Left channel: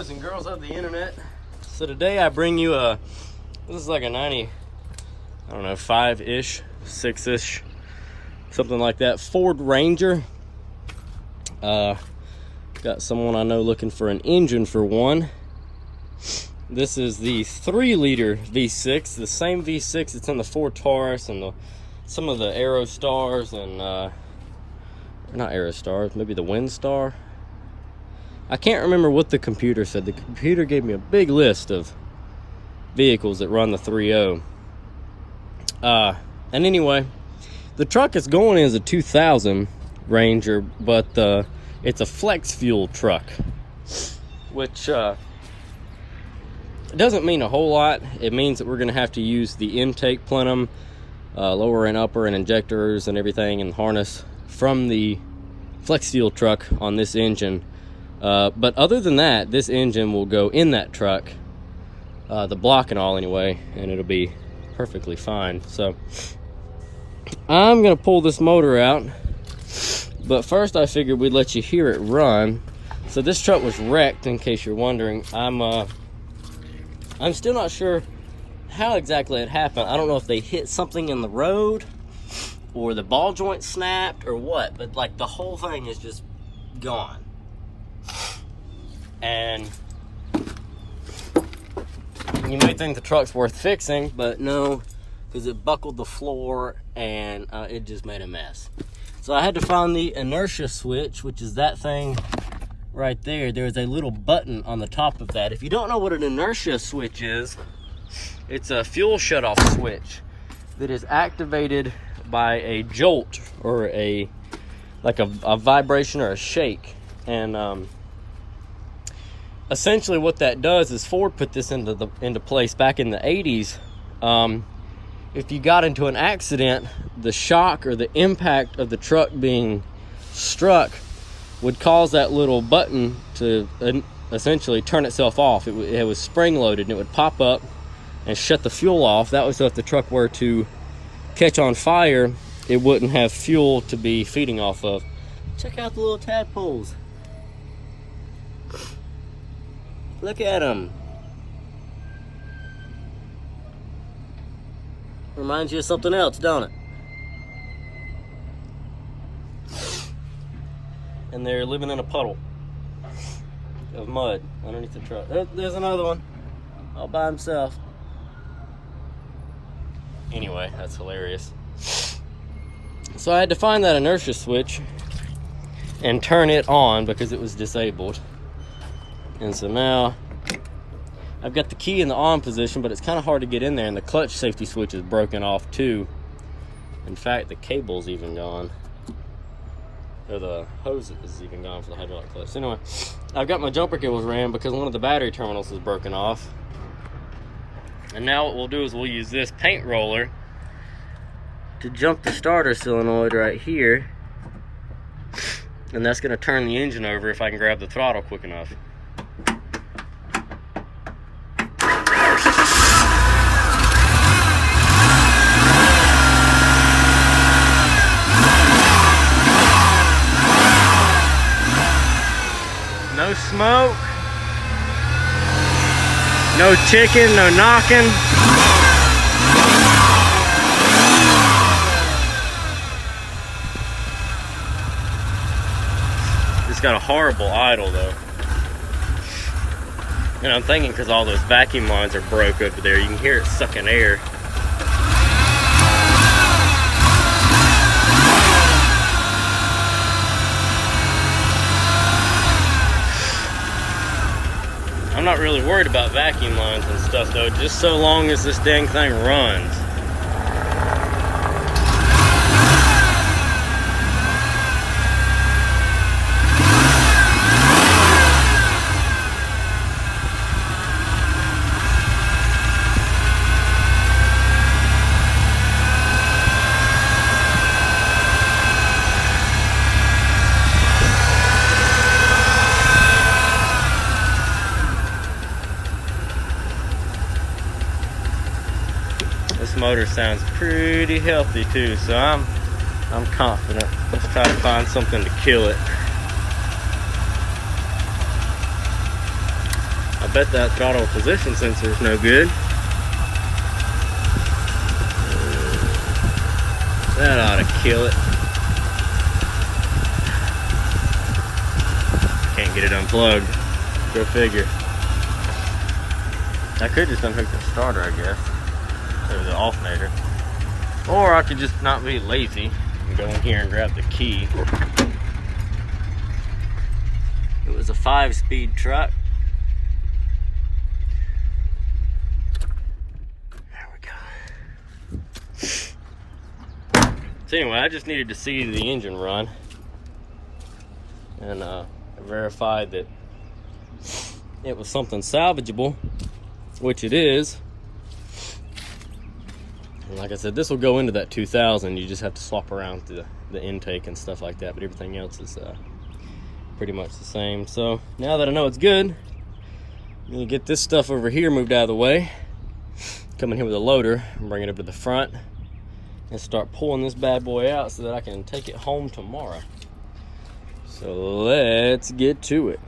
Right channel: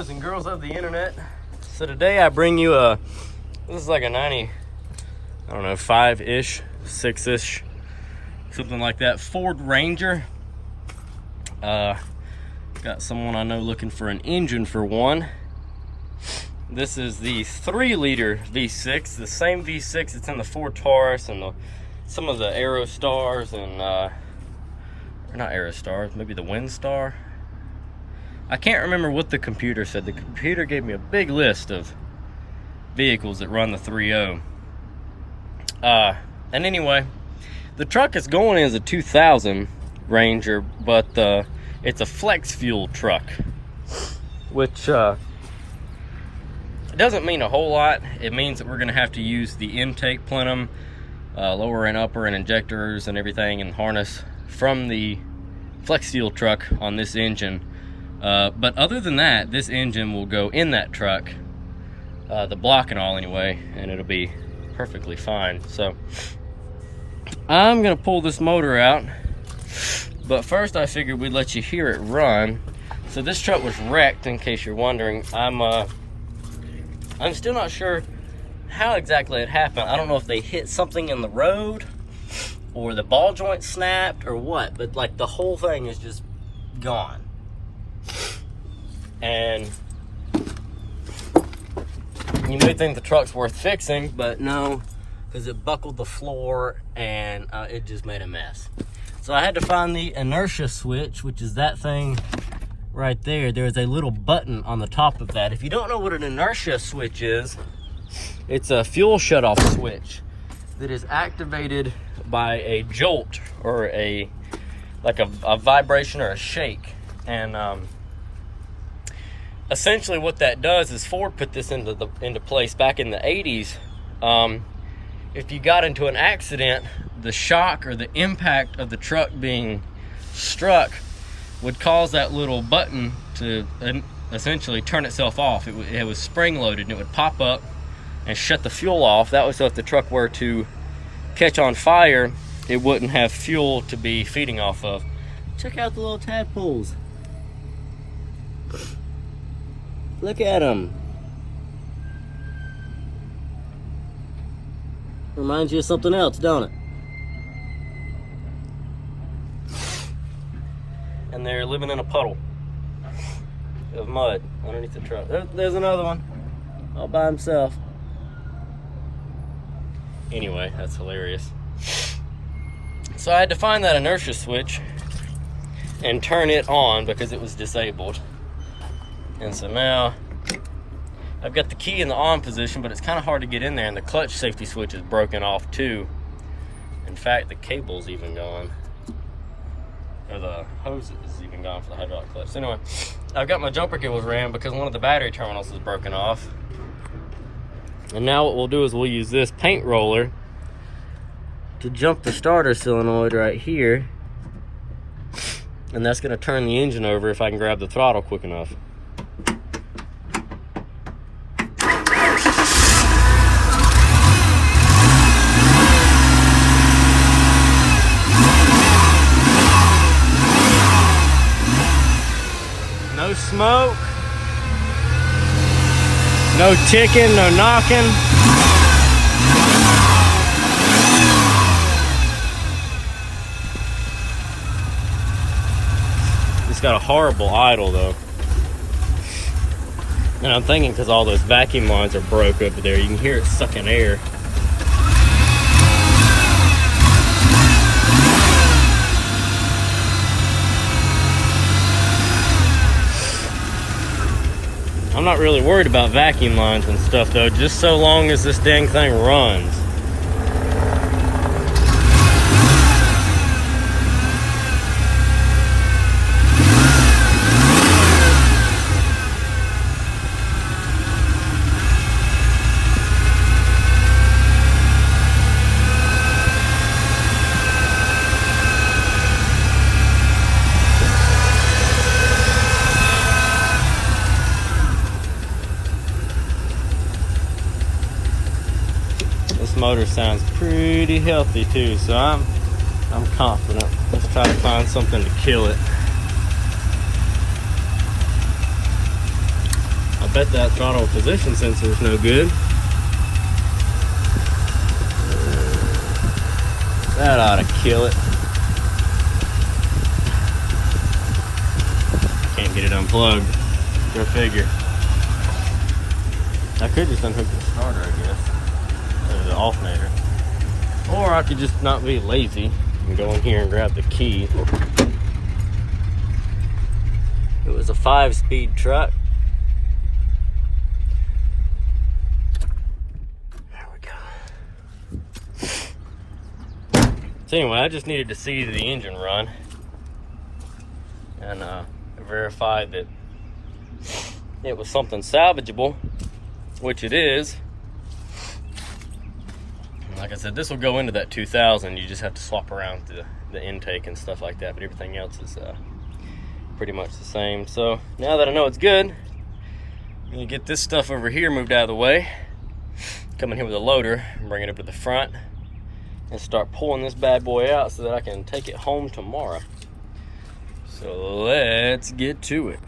boys and girls of the internet. So today I bring you this is like a 90, I don't know, 5-ish, 6-ish, something like that, Ford Ranger. Got someone I know looking for an engine for one. This is the 3-liter V6, the same V6 that's in the Ford Taurus and some of the Aerostars and, not Aerostars, maybe the Windstar. I can't remember what the computer said. The computer gave me a big list of vehicles that run the 3.0. And anyway, the truck is going as a 2000 Ranger, but it's a flex fuel truck, which doesn't mean a whole lot. It means that we're going to have to use the intake plenum, lower and upper and injectors and everything and harness from the flex fuel truck on this engine. But other than that, this engine will go in that truck, the block and all anyway, and it'll be perfectly fine. So I'm going to pull this motor out, but first I figured we'd let you hear it run. So this truck was wrecked, in case you're wondering. I'm still not sure how exactly it happened. I don't know if they hit something in the road or the ball joint snapped or what, but like the whole thing is just gone. And you may think the truck's worth fixing, but no, because it buckled the floor and it just made a mess. So I had to find the inertia switch, which is that thing right there. There's a little button on the top of that. If you don't know what an inertia switch is, it's a fuel shutoff switch that is activated by a jolt or a vibration or a shake. And essentially what that does is Ford put this into place back in the 80s. If you got into an accident, the shock or the impact of the truck being struck would cause that little button to essentially turn itself off. It was spring loaded and it would pop up and shut the fuel off. That was so if the truck were to catch on fire, it wouldn't have fuel to be feeding off of. Check out the little tadpoles. Look at them. Reminds you of something else, don't it? And they're living in a puddle of mud underneath the truck. There's another one all by himself. Anyway, that's hilarious. So I had to find that inertia switch and turn it on because it was disabled. And so now I've got the key in the on position, but it's kind of hard to get in there, and the clutch safety switch is broken off too. In fact, the cable's even gone. Or the hose is even gone for the hydraulic clutch. So anyway, I've got my jumper cables ran because one of the battery terminals is broken off. And now what we'll do is we'll use this paint roller to jump the starter solenoid right here. And that's going to turn the engine over if I can grab the throttle quick enough. No smoke, no ticking, no knocking. It's got a horrible idle though. And I'm thinking because all those vacuum lines are broke over there, you can hear it sucking air. I'm not really worried about vacuum lines and stuff though, just so long as this dang thing runs. Motor sounds pretty healthy too, so I'm confident. Let's try to find something to kill it. I bet that throttle position sensor is no good. That ought to kill it. Can't get it unplugged. Go figure. I could just unhook the starter, I guess. There's the alternator. Or I could just not be lazy and go in here and grab the key. It was a 5-speed truck. There we go. So anyway, I just needed to see the engine run. And verified that it was something salvageable, which it is. And like I said, this will go into that 2000. You just have to swap around the intake and stuff like that, but everything else is pretty much the same. So now that I know it's good, I'm gonna get this stuff over here moved out of the way, come in here with a loader and bring it up to the front and start pulling this bad boy out so that I can take it home tomorrow. So let's get to it.